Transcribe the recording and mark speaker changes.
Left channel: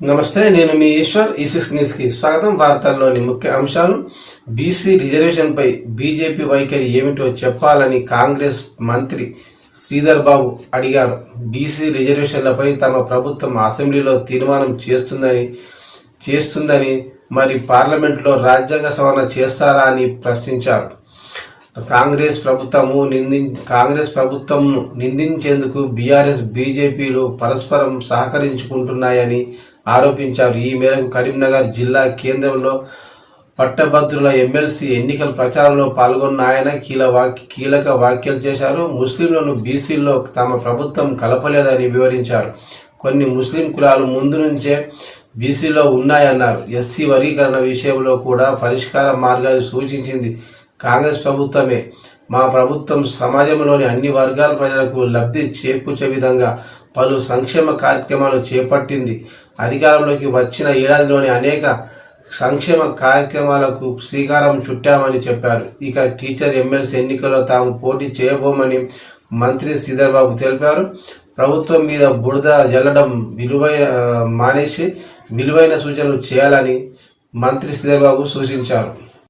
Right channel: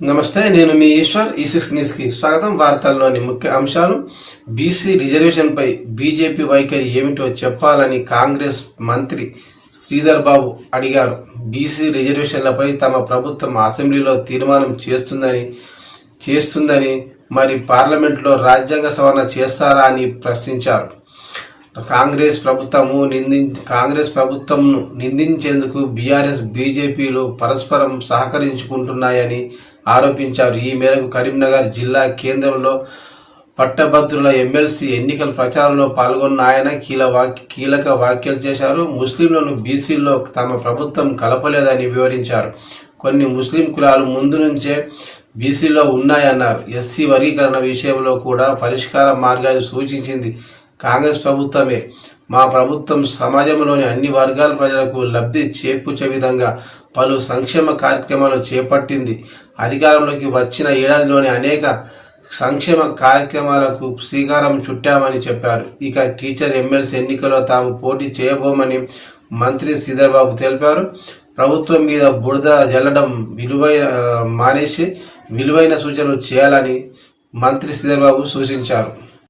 Speaker 1: నమస్తే నేను మీ ఈశ్వర్ ఈ సిక్స్ న్యూస్కి స్వాగతం. వార్తల్లోని ముఖ్య అంశాలు. బీసీ రిజర్వేషన్పై బీజేపీ వైఖరి ఏమిటో చెప్పాలని కాంగ్రెస్ మంత్రి శ్రీధర్ బాబు అడిగారు. బీసీ రిజర్వేషన్లపై తమ ప్రభుత్వం అసెంబ్లీలో తీర్మానం చేస్తుందని చేస్తుందని మరి పార్లమెంట్లో రాజ్యాంగ సవరణ చేస్తారా అని ప్రశ్నించారు. కాంగ్రెస్ ప్రభుత్వము నింది కాంగ్రెస్ ప్రభుత్వంను నిందించేందుకు బీఆర్ఎస్ బీజేపీలు పరస్పరం సహకరించుకుంటున్నాయని ఆరోపించారు. ఈ మేరకు కరీంనగర్ జిల్లా కేంద్రంలో పట్టభద్రుల ఎమ్మెల్సీ ఎన్నికల ప్రచారంలో పాల్గొన్న ఆయన వాక్ కీలక వ్యాఖ్యలు చేశారు. ముస్లింలను బీసీల్లో తమ ప్రభుత్వం కలపలేదని వివరించారు. కొన్ని ముస్లిం కులాలు ముందు నుంచే బీసీలో ఉన్నాయన్నారు. ఎస్సీ వర్గీకరణ విషయంలో కూడా పరిష్కార మార్గాన్ని సూచించింది కాంగ్రెస్ ప్రభుత్వమే. మా ప్రభుత్వం సమాజంలోని అన్ని వర్గాల ప్రజలకు లబ్ధి చేకూర్చే విధంగా పలు సంక్షేమ కార్యక్రమాలు చేపట్టింది. అధికారంలోకి వచ్చిన ఏడాదిలోని అనేక సంక్షేమ కార్యక్రమాలకు శ్రీకారం చుట్టామని చెప్పారు. ఇక టీచర్ ఎమ్మెల్సీ ఎన్నికల్లో తాము పోటీ చేయబోమని మంత్రి శ్రీధర్బాబు తెలిపారు. ప్రభుత్వం మీద బురద జల్లడం విలువైన మానేసి విలువైన సూచనలు చేయాలని మంత్రి శ్రీధర్బాబు సూచించారు.